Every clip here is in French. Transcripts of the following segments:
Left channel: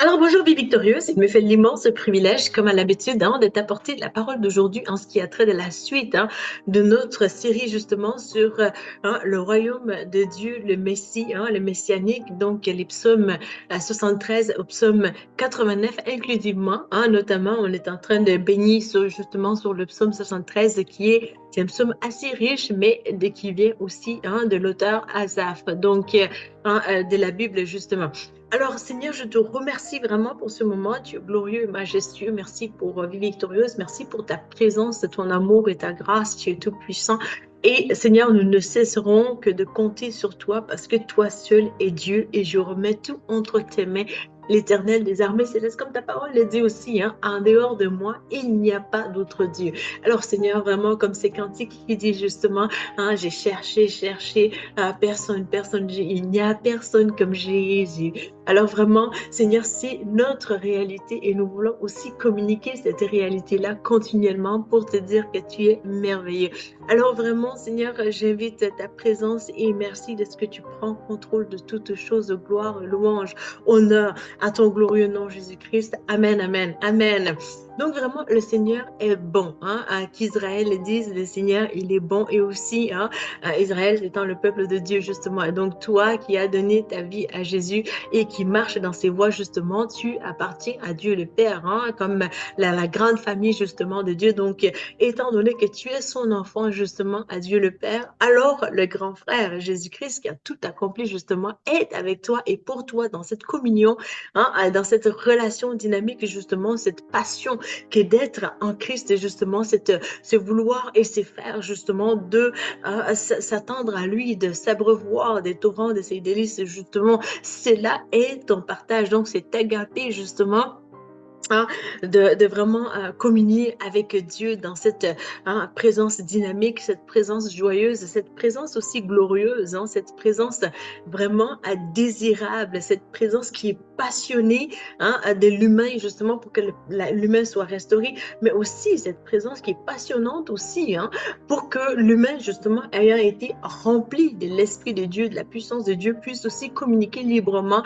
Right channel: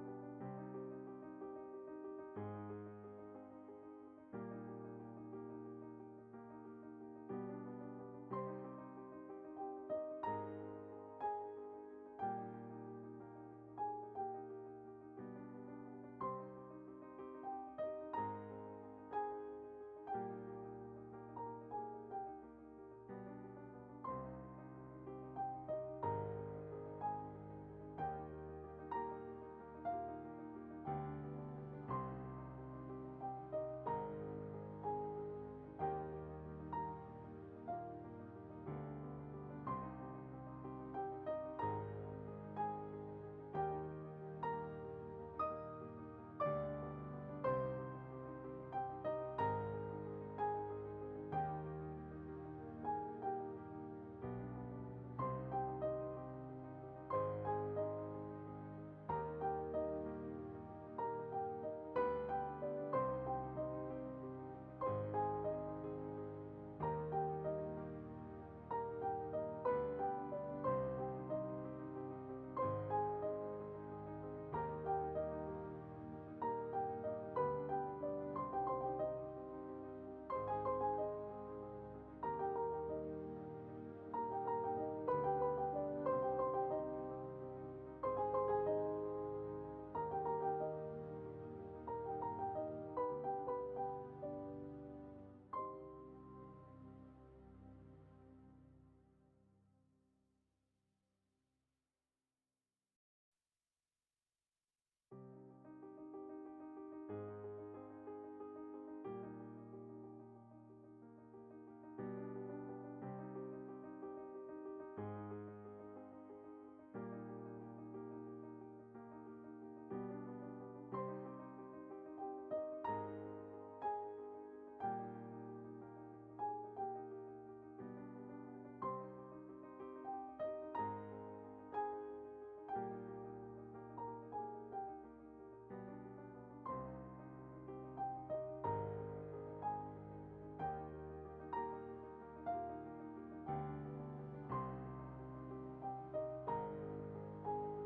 Alors bonjour Vie Victorieuse, il me fait l'immense privilège, comme à l'habitude, de t'apporter la parole d'aujourd'hui en ce qui a trait de la suite de notre série justement sur le royaume de Dieu, le Messie, le messianique, donc les psaumes 73 au psaume 89 inclusivement, notamment on est en train de baigner justement sur le psaume 73 c'est un psaume assez riche, mais qui vient aussi de l'auteur Asaph, donc de la Bible justement. Alors, Seigneur, je te remercie vraiment pour ce moment. Tu es glorieux et majestueux. Merci pour Vie Victorieuse. Merci pour ta présence, ton amour et ta grâce. Tu es tout puissant. Et Seigneur, nous ne cesserons que de compter sur toi parce que toi seul es Dieu et je remets tout entre tes mains. L'Éternel des armées célestes, comme ta parole le dit aussi, en dehors de moi, il n'y a pas d'autre Dieu. Alors Seigneur, vraiment comme ces cantiques qui dit justement, j'ai cherché, personne, il n'y a personne comme Jésus. Alors vraiment, Seigneur, c'est notre réalité et nous voulons aussi communiquer cette réalité-là continuellement pour te dire que tu es merveilleux. Alors vraiment, Seigneur, j'invite ta présence et merci de ce que tu prends contrôle de toutes choses, gloire, louange, honneur à ton glorieux nom, Jésus-Christ. Amen, amen, amen. Donc vraiment, le Seigneur est bon. Qu'Israël dise, le Seigneur, il est bon et aussi, Israël étant le peuple de Dieu, justement. Et donc toi qui as donné ta vie à Jésus, et qui marche dans ses voies, justement, tu appartiens à Dieu le Père, comme la grande famille, justement, de Dieu. Donc, étant donné que tu es son enfant, justement, à Dieu le Père, alors le grand frère Jésus-Christ, qui a tout accompli, justement, est avec toi et pour toi dans cette communion, dans cette relation dynamique, justement, cette passion qui est d'être en Christ, justement, ce vouloir et ce faire, justement, de s'attendre à lui, de s'abreuvoir des torrents de ses délices, justement, cela est ton partage. Donc, c'est agapé, justement, de vraiment communier avec Dieu dans cette présence dynamique, cette présence joyeuse, cette présence aussi glorieuse, cette présence vraiment désirable, cette présence qui est passionnée de l'humain, justement, pour que l'humain soit restauré, mais aussi cette présence qui est passionnante aussi, pour que l'humain, justement, ayant été rempli de l'Esprit de Dieu, de la puissance de Dieu, puisse aussi communiquer librement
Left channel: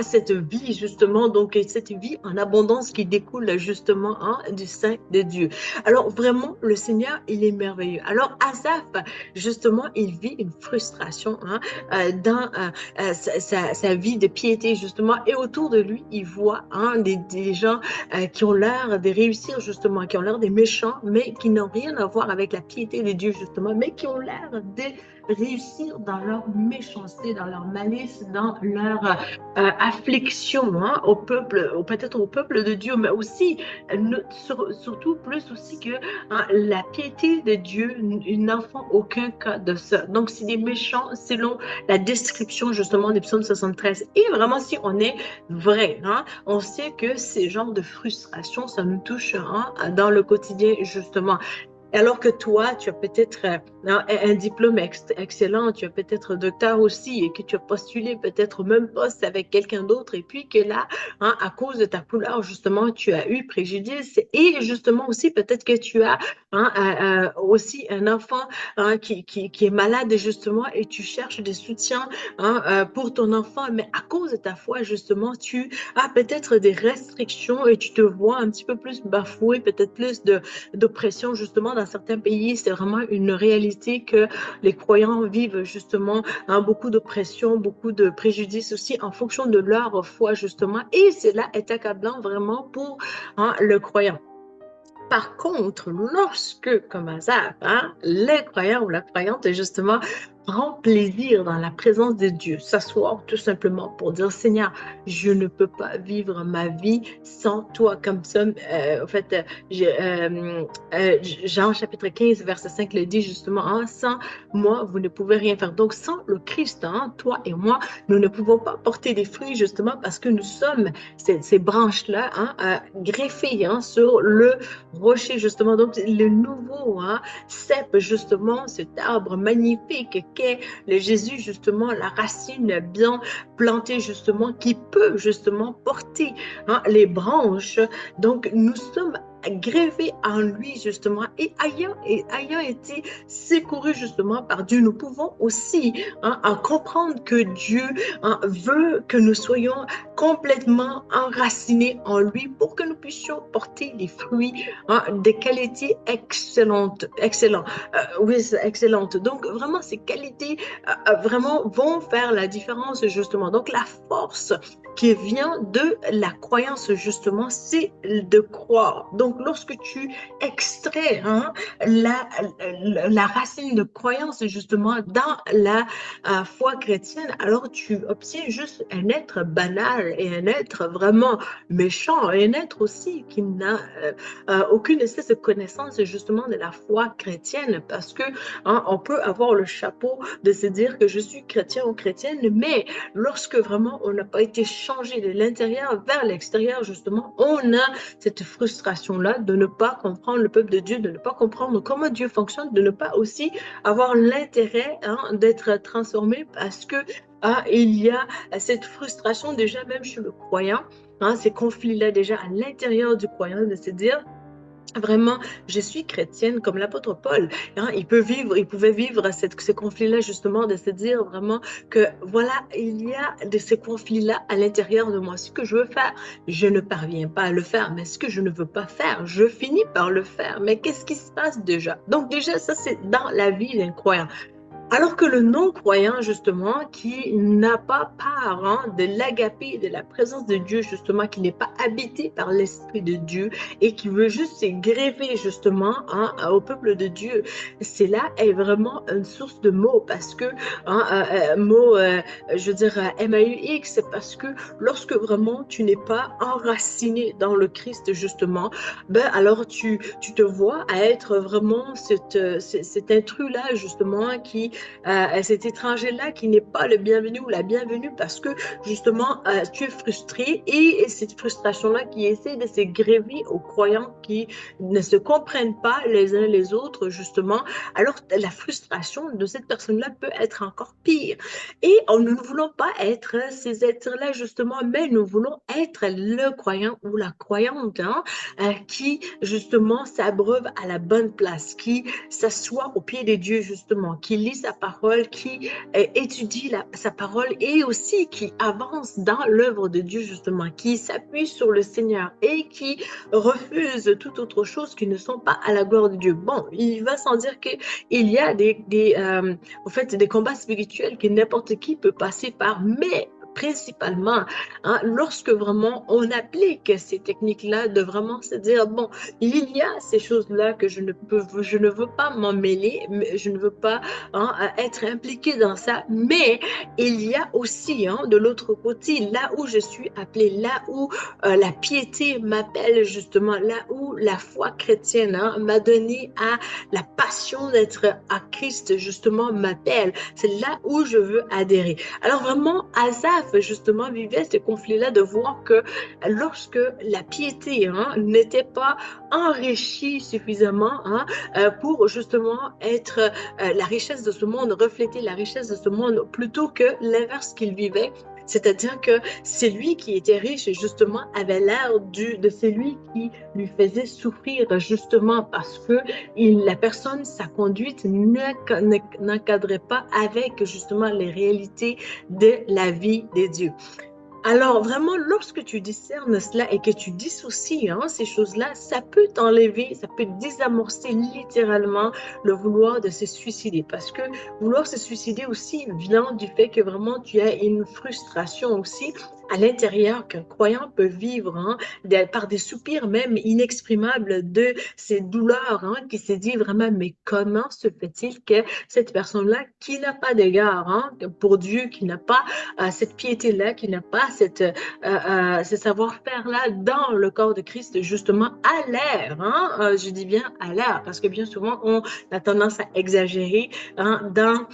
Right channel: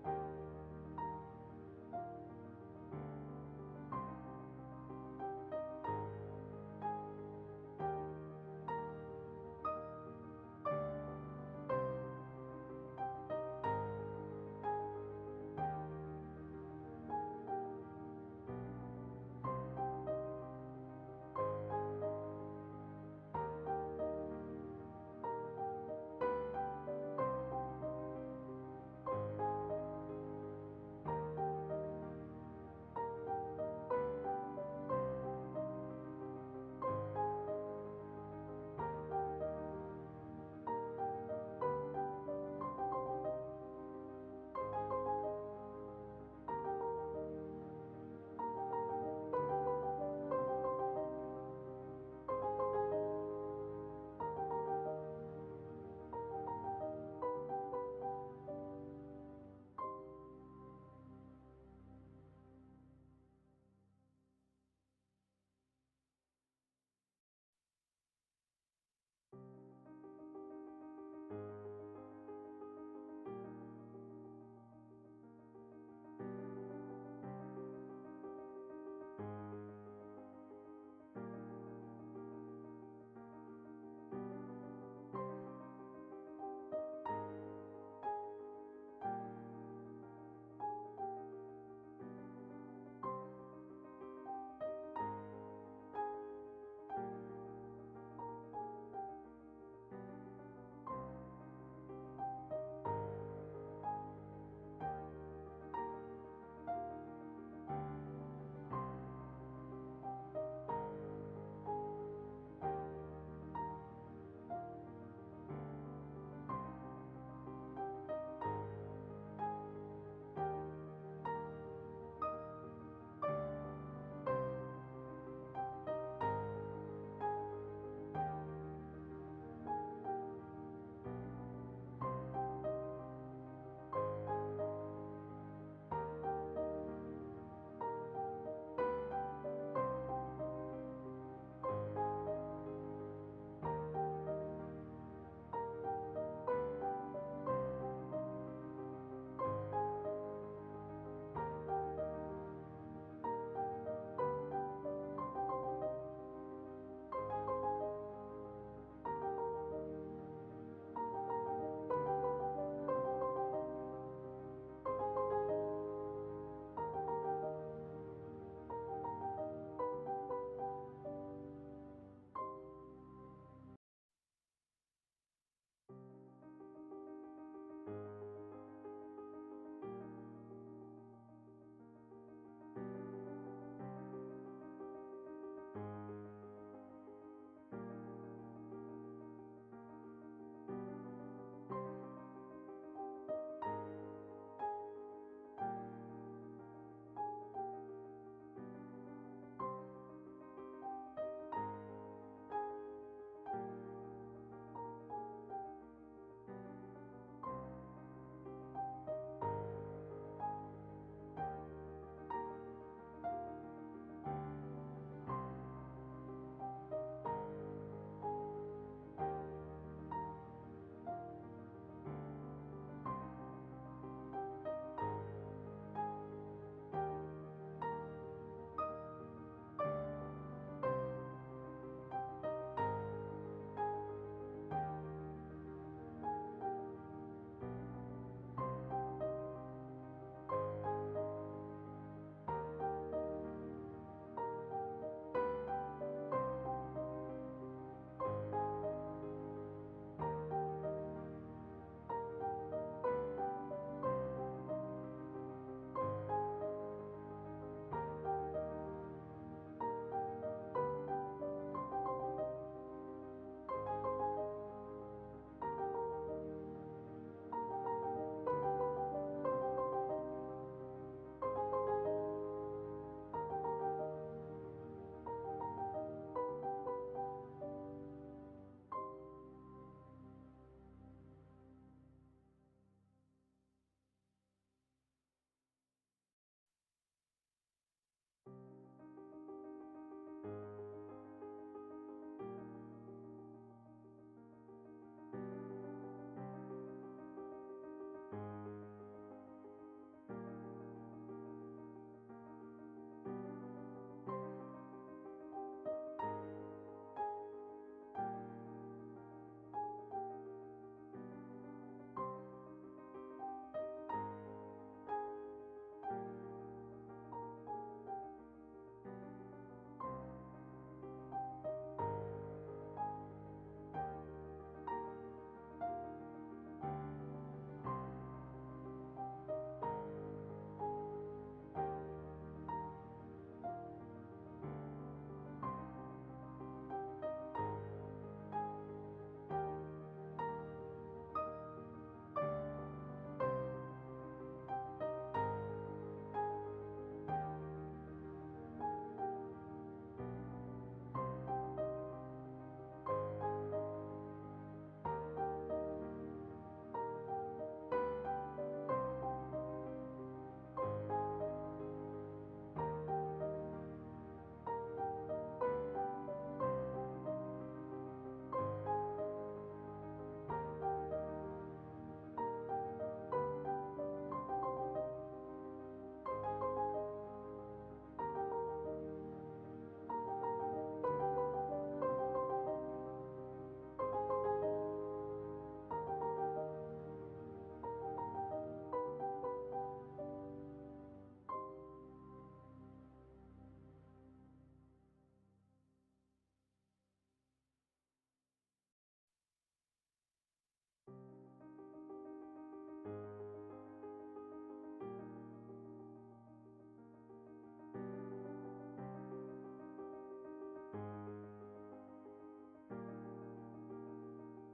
cette vie, justement, donc cette vie en abondance qui découle justement du sein de Dieu. Alors vraiment, le Seigneur, il est merveilleux. Alors Asaph, justement, il vit une frustration dans sa vie de piété, justement, et autour de lui, il voit des gens qui ont l'air de réussir, justement, qui ont l'air des méchants, mais qui n'ont rien à voir avec la piété de Dieu, justement, mais qui ont l'air de réussir dans leur méchanceté, dans leur malice, dans leur affliction au peuple, peut-être au peuple de Dieu, mais aussi, surtout plus aussi que la piété de Dieu n'en font aucun cas de ça. Donc, c'est des méchants selon la description justement des psaumes 73. Et vraiment, si on est vrai, on sait que ces genres de frustrations, ça nous touche dans le quotidien justement. Alors que toi, tu as peut-être un diplôme excellent, tu as peut-être docteur aussi, et que tu as postulé peut-être au même poste avec quelqu'un d'autre, et puis que là, à cause de ta couleur, justement, tu as eu préjudice, et justement aussi peut-être que tu as aussi un enfant qui est malade, justement, et tu cherches des soutiens pour ton enfant, mais à cause de ta foi, justement, tu as peut-être des restrictions et tu te vois un petit peu plus bafoué, peut-être plus d'oppression, justement, dans certains pays. C'est vraiment une réalité que les croyants vivent, justement, beaucoup d'oppression, beaucoup de préjudice aussi en fonction de leur foi, justement. Et cela est accablant vraiment pour le croyant. Par contre, lorsque, comme hasard, les croyants ou la croyante, justement, prend plaisir dans la présence de Dieu, s'asseoir tout simplement pour dire, Seigneur, je ne peux pas vivre ma vie sans toi. Comme ça, en fait, Jean chapitre 15, verset 5 le dit justement, sans moi, vous ne pouvez rien faire. Donc, sans le Christ, toi et moi, nous ne pouvons pas porter des fruits justement parce que nous sommes ces branches-là greffées sur le rocher, justement. Donc, le nouveau cèpe, justement, cet arbre magnifique qu'est le Jésus, justement, la racine bien plantée, justement, qui peut, justement, porter les branches. Donc, nous sommes greffé en lui justement et ayant été secouru justement par Dieu, nous pouvons aussi comprendre que Dieu veut que nous soyons complètement enracinés en lui pour que nous puissions porter des fruits de qualité excellente, excellent. Oui, c'est excellente. Donc vraiment, ces qualités vraiment vont faire la différence justement. Donc la force qui vient de la croyance justement, c'est de croire. Donc lorsque tu extrais la racine de croyance justement dans la foi chrétienne, alors tu obtiens juste un être banal et un être vraiment méchant, et un être aussi qui n'a aucune espèce de connaissance justement de la foi chrétienne, parce que on peut avoir le chapeau de se dire que je suis chrétien ou chrétienne, mais lorsque vraiment on n'a pas été changé de l'intérieur vers l'extérieur, justement, on a cette frustration-là de ne pas comprendre le peuple de Dieu, de ne pas comprendre comment Dieu fonctionne, de ne pas aussi avoir l'intérêt d'être transformé, parce que il y a cette frustration déjà même chez le croyant, ces conflits-là déjà à l'intérieur du croyant, de se dire vraiment, je suis chrétienne comme l'apôtre Paul. Il pouvait vivre ce conflit-là justement, de se dire vraiment que voilà, il y a de ces conflits-là à l'intérieur de moi. Ce que je veux faire, je ne parviens pas à le faire, mais ce que je ne veux pas faire, je finis par le faire. Mais qu'est-ce qui se passe déjà? Donc déjà, ça c'est dans la vie d'un croyant. Alors que le non-croyant, justement, qui n'a pas part de l'agapé, de la présence de Dieu, justement, qui n'est pas habité par l'Esprit de Dieu et qui veut juste se greffer, justement, au peuple de Dieu, cela est vraiment une source de mots, parce que, mots, je veux dire, MAUX, parce que lorsque vraiment tu n'es pas enraciné dans le Christ, justement, ben alors tu te vois à être vraiment cet intrus-là, justement, cet étranger-là qui n'est pas le bienvenu ou la bienvenue, parce que justement, tu es frustré, et cette frustration-là qui essaie de se gréver aux croyants qui ne se comprennent pas les uns les autres, justement, alors la frustration de cette personne-là peut être encore pire. Et nous ne voulons pas être ces êtres-là, justement, mais nous voulons être le croyant ou la croyante qui, justement, s'abreuve à la bonne place, qui s'assoit au pied de Dieu, justement, qui lit sa parole, qui étudie sa parole, et aussi qui avance dans l'œuvre de Dieu, justement, qui s'appuie sur le Seigneur et qui refuse toute autre chose qui ne sont pas à la gloire de Dieu. Bon, il va sans dire qu'il y a en fait, des combats spirituels que n'importe qui peut passer par, mais principalement, lorsque vraiment on applique ces techniques-là, de vraiment se dire, bon, il y a ces choses-là que je ne veux pas m'en mêler, je ne veux pas être impliquée dans ça, mais il y a aussi de l'autre côté, là où je suis appelée, là où la piété m'appelle, justement, là où la foi chrétienne m'a donné à la passion d'être à Christ, justement, m'appelle. C'est là où je veux adhérer. Alors vraiment, Asaph, justement, vivait ce conflit-là, de voir que lorsque la piété n'était pas enrichie suffisamment pour justement être la richesse de ce monde, refléter la richesse de ce monde, plutôt que l'inverse qu'il vivait. C'est-à-dire que celui qui était riche, justement, avait l'air de celui qui lui faisait souffrir, justement, parce que la personne, sa conduite n'encadrait pas avec, justement, les réalités de la vie de Dieu. Alors vraiment, lorsque tu discernes cela et que tu dissocies ces choses-là, ça peut t'enlever, ça peut désamorcer littéralement le vouloir de se suicider. Parce que vouloir se suicider aussi vient du fait que vraiment tu as une frustration aussi à l'intérieur, qu'un croyant peut vivre par des soupirs même inexprimables de ces douleurs, qui se dit vraiment, mais comment se fait-il que cette personne-là, qui n'a pas d'égard pour Dieu, qui n'a pas cette piété-là, qui n'a pas ce savoir-faire-là dans le corps de Christ, justement, à l'air, je dis bien à l'air, parce que bien souvent, on a tendance à exagérer dans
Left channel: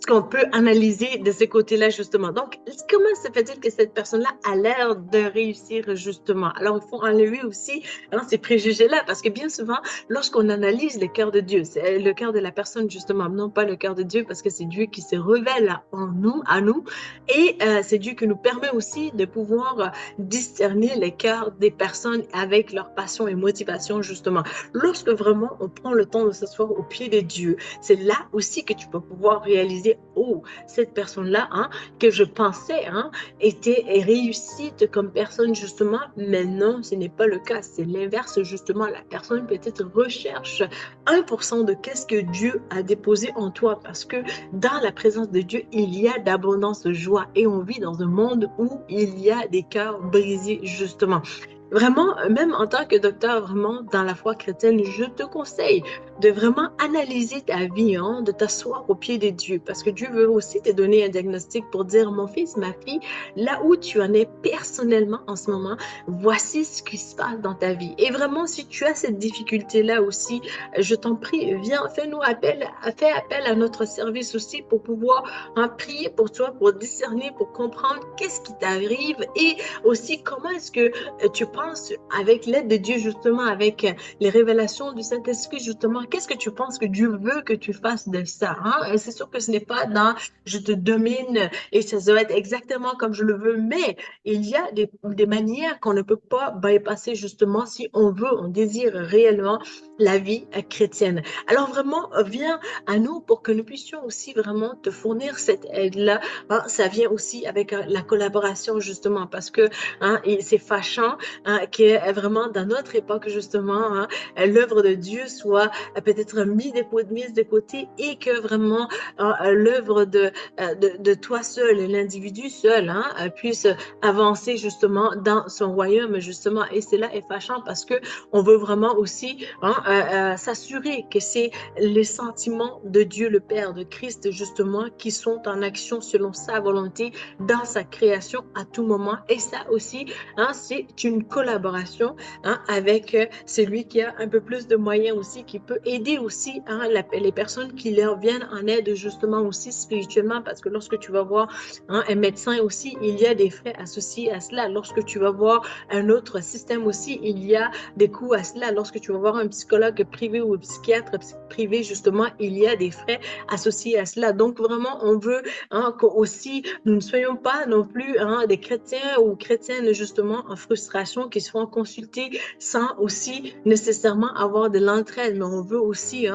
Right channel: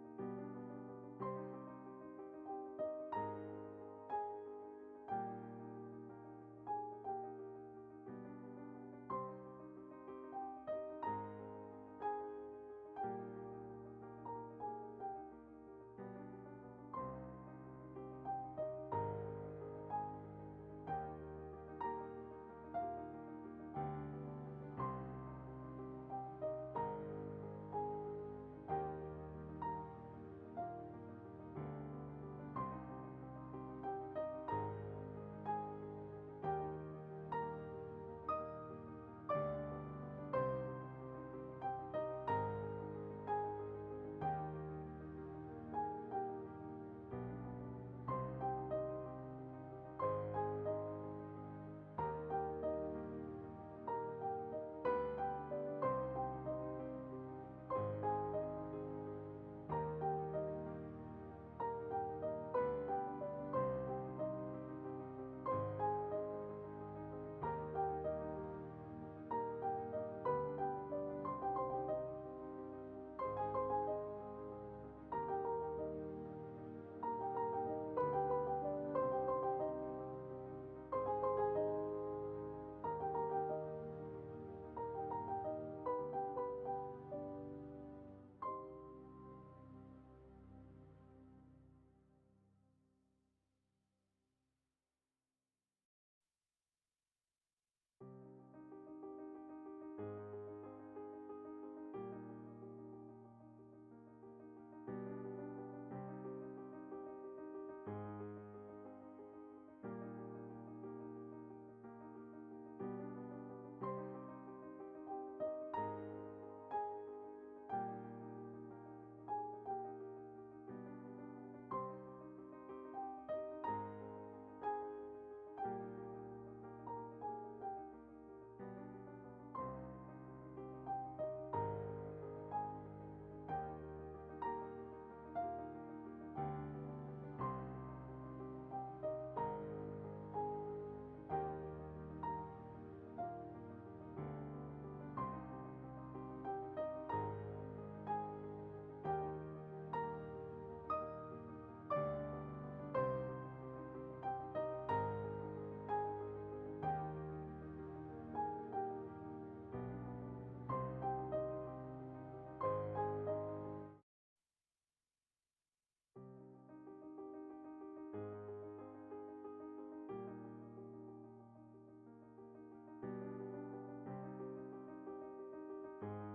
ce qu'on peut analyser de ce côté-là, justement. Donc, comment se fait-il que cette personne-là a l'air de réussir, justement? Alors, il faut enlever aussi ces préjugés-là, parce que bien souvent, lorsqu'on analyse le cœur de Dieu, c'est le cœur de la personne, justement, non pas le cœur de Dieu, parce que c'est Dieu qui se révèle en nous, à nous, et c'est Dieu qui nous permet aussi de pouvoir discerner les cœurs des personnes avec leurs passions et motivations, justement. Lorsque vraiment on prend le temps de s'asseoir au pied de Dieu, c'est là aussi que tu peux pouvoir réaliser, oh, cette personne-là, que je pensais, était réussite comme personne, justement, mais non, ce n'est pas le cas. C'est l'inverse, justement. La personne peut-être recherche 1% de qu'est-ce que Dieu a déposé en toi, parce que dans la présence de Dieu, il y a d'abondance de joie et on vit dans un monde où il y a des cœurs brisés, justement. Vraiment, même en tant que docteur, vraiment, dans la foi chrétienne, je te conseille de vraiment analyser ta vie, de t'asseoir au pied de Dieu, parce que Dieu veut aussi te donner un diagnostic pour dire, mon fils, ma fille, là où tu en es personnellement en ce moment, voici ce qui se passe dans ta vie. Et vraiment, si tu as cette difficulté-là aussi, je t'en prie, viens, fais-nous appel, fais appel à notre service aussi pour pouvoir prier pour toi, pour discerner, pour comprendre qu'est-ce qui t'arrive et aussi comment est-ce que tu penses avec l'aide de Dieu, justement, avec les révélations du Saint-Esprit, justement, qu'est-ce que tu penses que Dieu veut que tu fasses de ça? C'est sûr que ce n'est pas dans je te domine et ça doit être exactement comme je le veux, mais il y a des manières qu'on ne peut pas bypasser, justement, si on veut, on désire réellement la vie chrétienne. Alors vraiment, viens à nous pour que nous puissions aussi vraiment te fournir cette aide-là. Ça vient aussi avec la collaboration, justement, parce que et c'est fâchant que vraiment dans notre époque, justement, l'œuvre de Dieu soit peut-être mise de côté et que vraiment l'œuvre de toi seul, l'individu seul, puisse avancer justement dans son royaume, justement. Et cela est fâchant parce que on veut vraiment aussi s'assurer que c'est les sentiments de Dieu le Père, de Christ, justement, qui sont en action selon sa volonté dans sa création à tout moment. Et ça aussi, c'est une collaboration avec celui qui a un peu plus de moyens aussi, qui peut aider aussi les personnes qui leur viennent en aide, justement, aussi spirituellement, parce que lorsque tu vas voir un médecin aussi, il y a des frais associés à cela. Lorsque tu vas voir un autre système aussi, il y a des coûts à cela. Lorsque tu vas voir un psychologue privé ou un psychiatre privé, justement, il y a des frais associés à cela. Donc, vraiment, on veut qu'aussi, nous ne soyons pas non plus des chrétiens ou chrétiennes, justement, en frustration, qui se font consulter sans aussi nécessairement avoir de l'entraide. Mais on veut aussi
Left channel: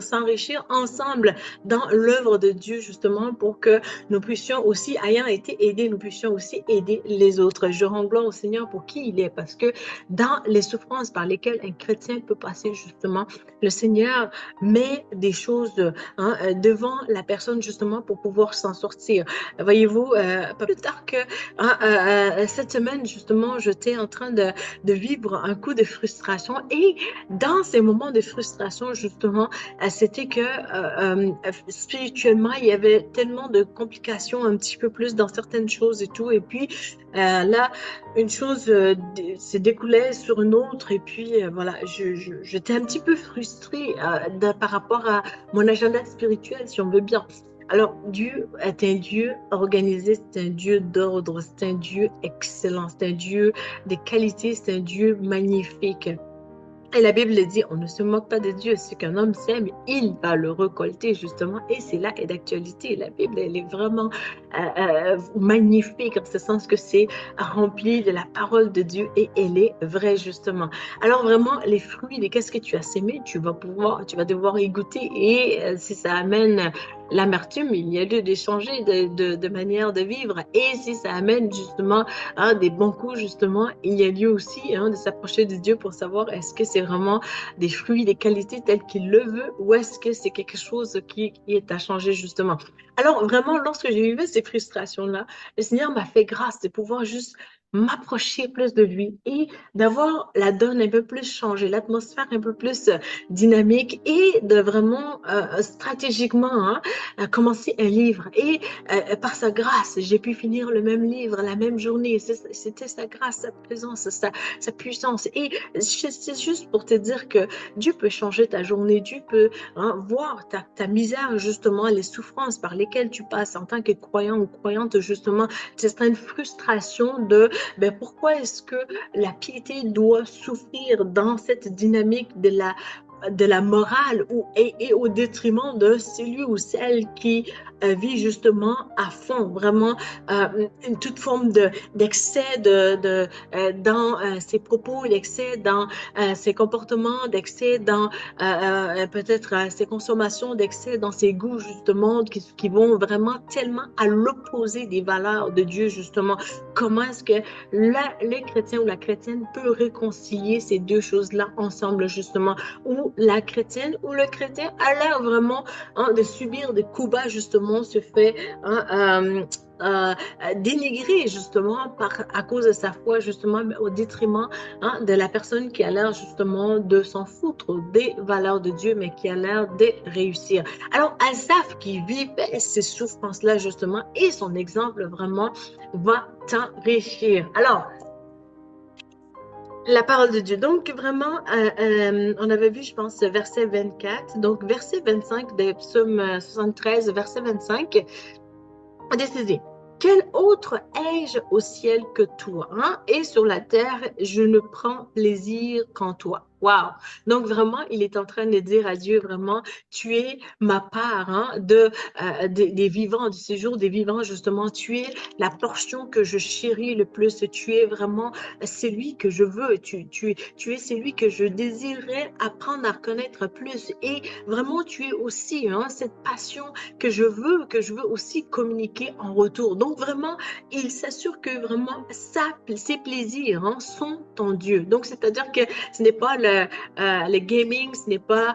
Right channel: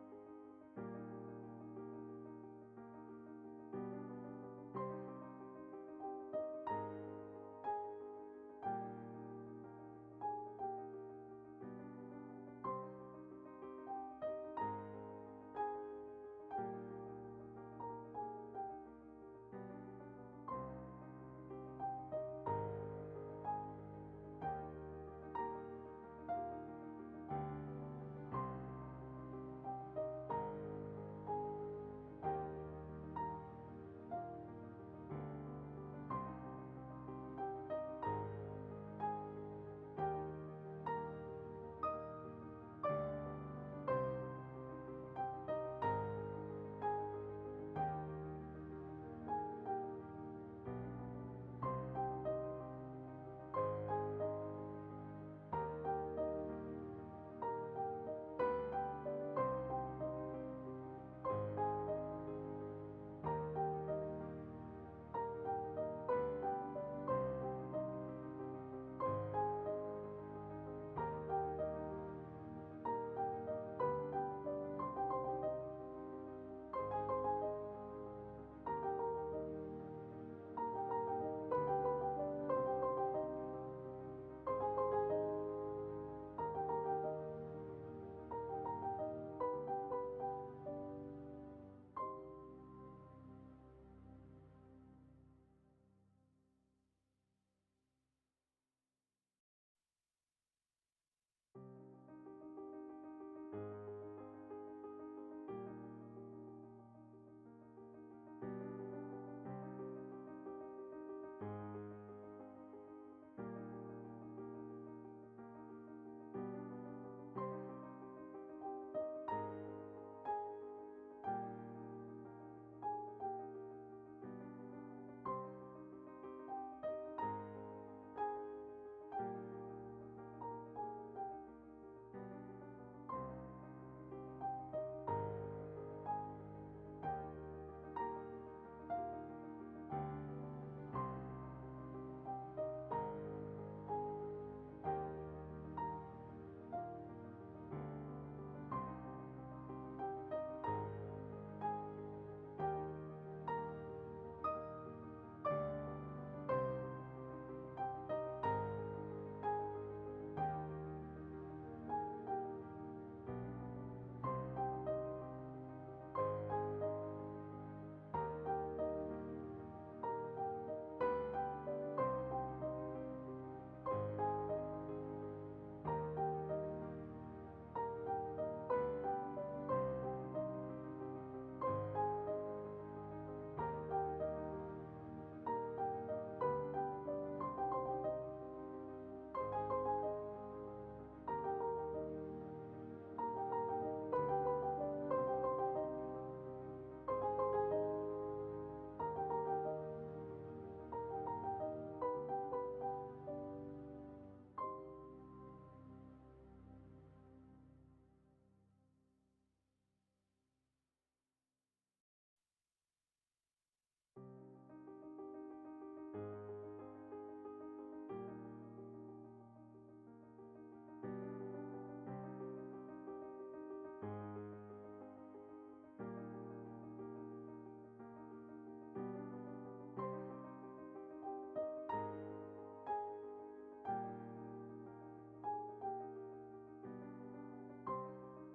s'enrichir ensemble dans l'œuvre de Dieu, justement, pour que nous puissions aussi, ayant été aidés, nous puissions aussi aider les autres. Je rends gloire au Seigneur pour qui il est, parce que dans les souffrances par lesquelles un chrétien peut passer, justement, le Seigneur met des choses devant la personne, justement, pour pouvoir s'en sortir. Voyez-vous, pas plus tard que cette semaine, justement, j'étais en train de vivre un coup de frustration et dans ces moments de frustration, justement, c'était que spirituellement, il y avait tellement de complications un petit peu plus dans certaines choses et tout. Et puis là, une chose se découlait sur une autre et puis voilà, j'étais un petit peu frustrée par rapport à mon agenda spirituel, si on veut bien. Alors, Dieu est un Dieu organisé, c'est un Dieu d'ordre, c'est un Dieu excellent, c'est un Dieu de qualité, c'est un Dieu magnifique. Et la Bible dit, on ne se moque pas de Dieu. Ce qu'un homme sème, il va le récolter, justement. Et c'est là est d'actualité. La Bible, elle est vraiment magnifique, en ce sens que c'est rempli de la parole de Dieu et elle est vraie, justement. Alors vraiment, les fruits de qu'est-ce que tu as sémé, tu vas devoir y goûter. Et si ça amène l'amertume, il y a lieu d'échanger de manière de vivre. Et si ça amène justement des bons coups, justement, il y a lieu aussi de s'approcher de Dieu pour savoir est-ce que c'est vraiment des fruits, des qualités telles qu'il le veut ou est-ce que c'est quelque chose qui est à changer, justement. Alors, vraiment, lorsque j'ai vécu ces frustrations-là, le Seigneur m'a fait grâce de pouvoir juste m'approcher plus de lui et d'avoir la donne un peu plus changée, l'atmosphère un peu plus dynamique et de vraiment stratégiquement commencer un livre. Et par sa grâce, j'ai pu finir le même livre la même journée. C'était sa grâce, sa présence, sa puissance. Et c'est juste pour te dire que Dieu peut changer ta journée, Dieu peut voir ta misère, justement, les souffrances par lesquelles tu passes en tant que croyant ou croyante, justement, certaines frustrations de pourquoi est-ce que la piété doit souffrir dans cette dynamique de la morale et au détriment de celui ou celle qui vit justement à fond, vraiment toute forme d'excès dans ses propos, d'excès dans ses comportements, d'excès dans peut-être ses consommations, d'excès dans ses goûts, justement, qui vont vraiment tellement à l'opposé des valeurs de Dieu, justement. Comment est-ce que les chrétiens ou la chrétienne peut réconcilier ces deux choses-là ensemble, justement, où la chrétienne ou le chrétien a l'air vraiment de subir des coups bas, justement, se fait dénigrer, justement, à cause de sa foi, justement, mais au détriment de la personne qui a l'air, justement, de s'en foutre des valeurs de Dieu, mais qui a l'air de réussir. Alors, Asaph qui vivait ces souffrances-là, justement, et son exemple, vraiment, va t'enrichir. Alors, la parole de Dieu. Donc, vraiment, on avait vu, je pense, verset 24. Donc, verset 25 de Psaume 73, verset 25. Décisé. Quel autre ai-je au ciel que toi, et sur la terre, je ne prends plaisir qu'en toi. Wow! Donc vraiment, il est en train de dire à Dieu, vraiment, tu es ma part des vivants, du séjour des vivants, justement. Tu es la portion que je chéris le plus. Tu es vraiment celui que je veux. Tu es celui que je désirerais apprendre à connaître plus. Et vraiment, tu es aussi cette passion que je veux aussi communiquer en retour. Donc vraiment, il s'assure que vraiment ses plaisirs sont ton Dieu. Donc c'est-à-dire que ce n'est pas le gaming, ce n'est pas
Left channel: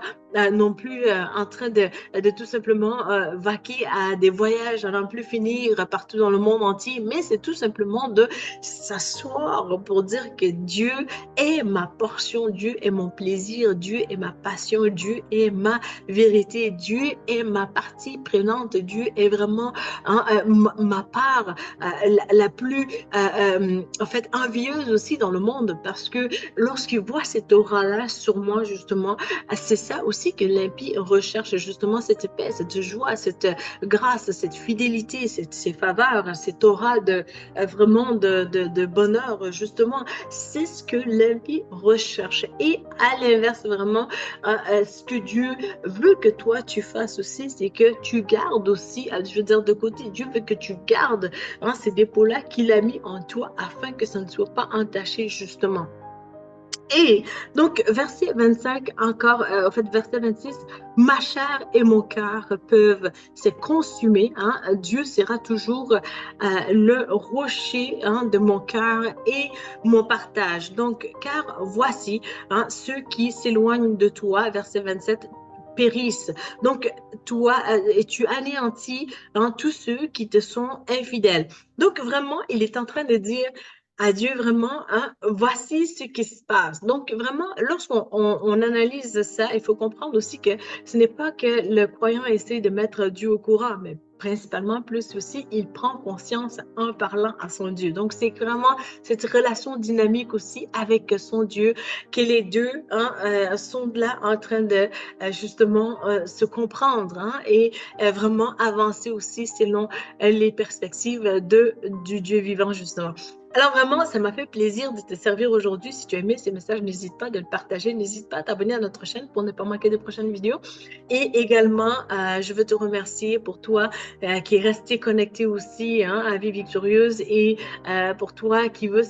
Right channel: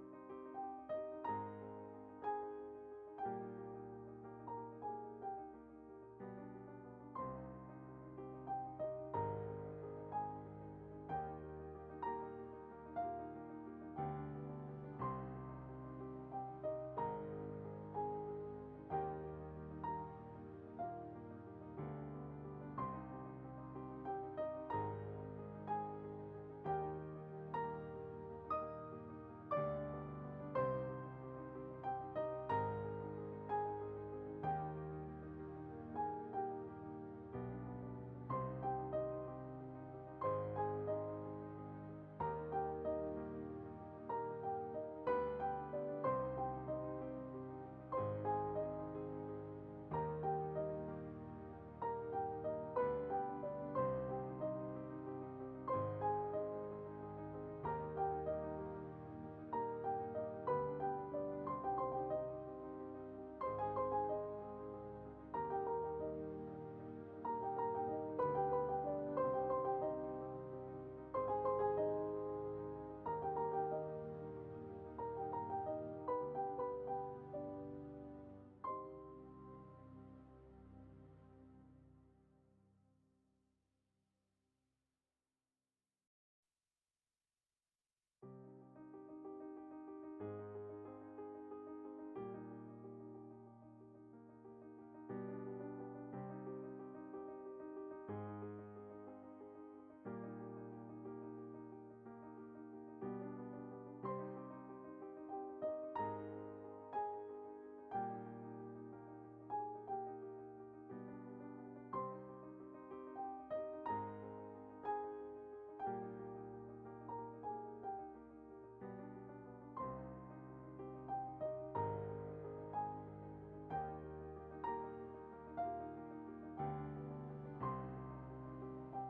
non plus en train de tout simplement vaquer à des voyages à n'en plus finir partout dans le monde entier, mais c'est tout simplement de s'asseoir pour dire que Dieu est ma portion, Dieu est mon plaisir, Dieu est ma passion, Dieu est ma vérité, Dieu est ma partie prenante, Dieu est vraiment ma part la plus en fait envieuse aussi dans le monde, parce que lorsqu'il voit cette aura-là sur moi, justement, c'est ça aussi que l'impie recherche, justement, cette paix, cette joie, cette grâce, cette fidélité, ces faveurs, cette aura vraiment de bonheur, justement. C'est ce que l'impie recherche. Et à l'inverse, vraiment, ce que Dieu veut que toi tu fasses aussi, c'est que tu gardes aussi, je veux dire, de côté, Dieu veut que tu gardes ces dépôts-là qu'il a mis en toi afin que ça ne soit pas entaché, justement. Et donc, verset 25, encore, en fait, verset 26, ma chair et mon cœur peuvent se consumer. Dieu sera toujours le rocher de mon cœur et mon partage. Donc, car voici, ceux qui s'éloignent de toi, verset 27, périssent. Donc, toi, et tu anéantis tous ceux qui te sont infidèles. Donc, vraiment, il est en train de dire à Dieu vraiment, voici ce qui se passe. Donc vraiment, lorsqu'on analyse ça, il faut comprendre aussi que ce n'est pas que le croyant essaie de mettre Dieu au courant, mais principalement plus aussi, il prend conscience en parlant à son Dieu. Donc c'est vraiment cette relation dynamique aussi avec son Dieu, que les deux sont là en train de justement se comprendre et vraiment avancer aussi selon les perspectives du Dieu vivant, justement. Alors vraiment, ça m'a fait plaisir de te servir aujourd'hui. Si tu as aimé ces messages, n'hésite pas de le partager. N'hésite pas à t'abonner à notre chaîne pour ne pas manquer de prochaines vidéos. Et également, je veux te remercier pour toi qui est resté connecté aussi à Vie Victorieuse, et pour toi qui veut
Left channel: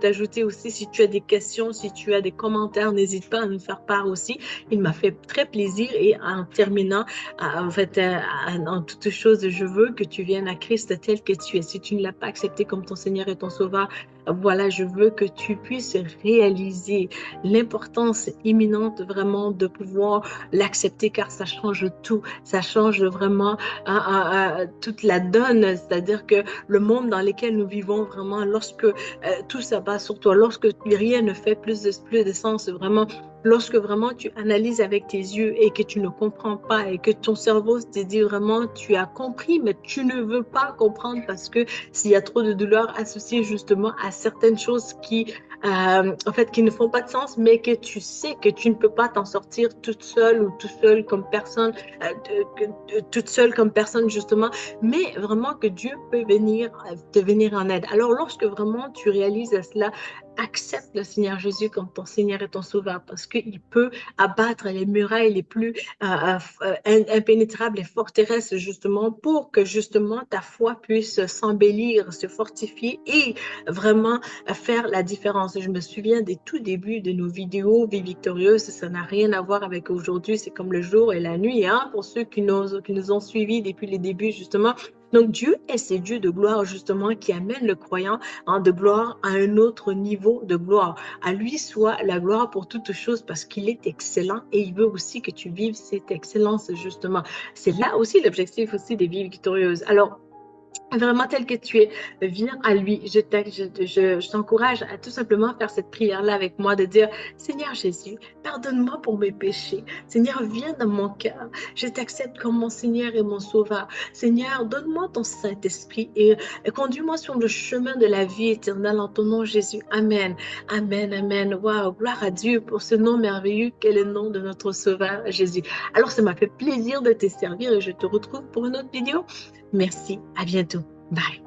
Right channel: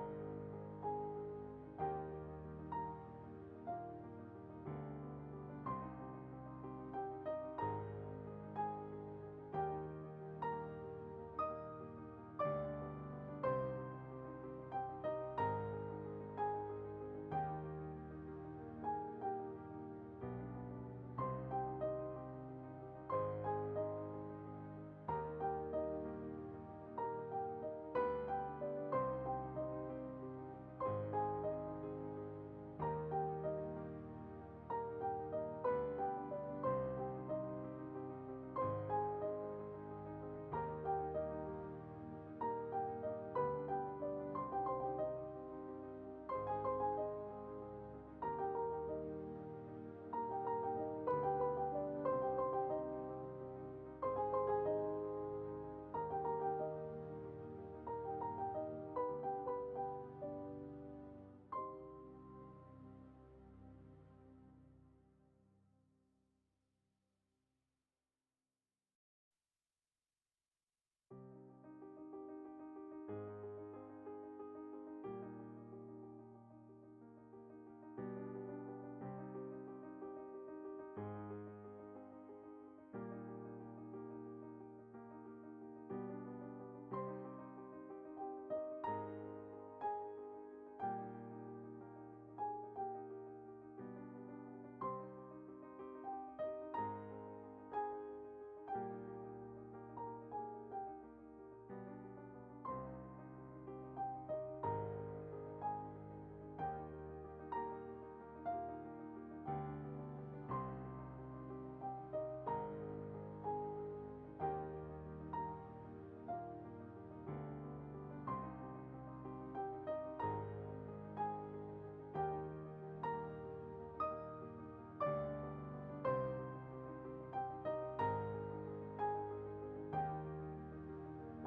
t'ajouter aussi. Si tu as des questions, si tu as des commentaires, n'hésite pas à nous faire part aussi. Il m'a fait très plaisir. Et en terminant, en fait, en toutes choses, je veux que tu viennes à Christ tel que tu es. Si tu ne l'as pas accepté comme ton Seigneur et ton Sauveur, Voilà, je veux que tu puisses réaliser l'importance imminente vraiment de pouvoir l'accepter car ça change tout. Ça change vraiment toute la donne. C'est-à-dire que le monde dans lequel nous vivons vraiment, lorsque tout s'abat sur toi, lorsque rien ne fait plus de sens, vraiment, lorsque vraiment tu analyses avec tes yeux et que tu ne comprends pas et que ton cerveau te dit vraiment tu as compris, mais tu ne veux pas comprendre parce que s'il y a trop de douleur associée justement à certaines choses en fait, qui ne font pas de sens, mais que tu sais que tu ne peux pas t'en sortir toute seule ou tout seul comme personne, toute seule comme personne justement, mais vraiment que Dieu peut venir te venir en aide. Alors, lorsque vraiment tu réalises cela, accepte le Seigneur Jésus comme ton Seigneur et ton Sauveur parce qu'il peut abattre les murailles les plus impénétrables et forteresses justement pour que justement ta foi puisse s'embellir, se fortifier et vraiment faire la différence. Je me souviens des tout débuts de nos vidéos Vie victorieuse, ça n'a rien à voir avec aujourd'hui, c'est comme le jour et la nuit, hein, pour ceux qui nous ont suivis depuis les débuts justement. Donc Dieu est ce Dieu de gloire justement qui amène le croyant de gloire à un autre niveau de gloire. À lui soit la gloire pour toutes choses parce qu'il est excellent et il veut aussi que tu vives cette excellence justement. C'est là aussi l'objectif aussi des vies victorieuses. Alors, vraiment tel que tu es, viens à lui. Je t'encourage à tout simplement faire cette prière-là avec moi, de dire, Seigneur Jésus, pardonne-moi pour mes péchés. Seigneur, viens dans mon cœur. Je t'accepte comme mon Seigneur et mon Sauveur. Seigneur, donne-moi ton Saint-Esprit et conduis-moi sur le chemin de la vie éternelle en ton nom, Jésus. Amen. Amen, amen. Waouh, gloire à Dieu pour ce nom merveilleux qu'est le nom de notre Sauveur, Jésus. Alors, ça m'a fait plaisir de te servir et je te retrouve pour une autre vidéo. Merci, à bientôt. Bye.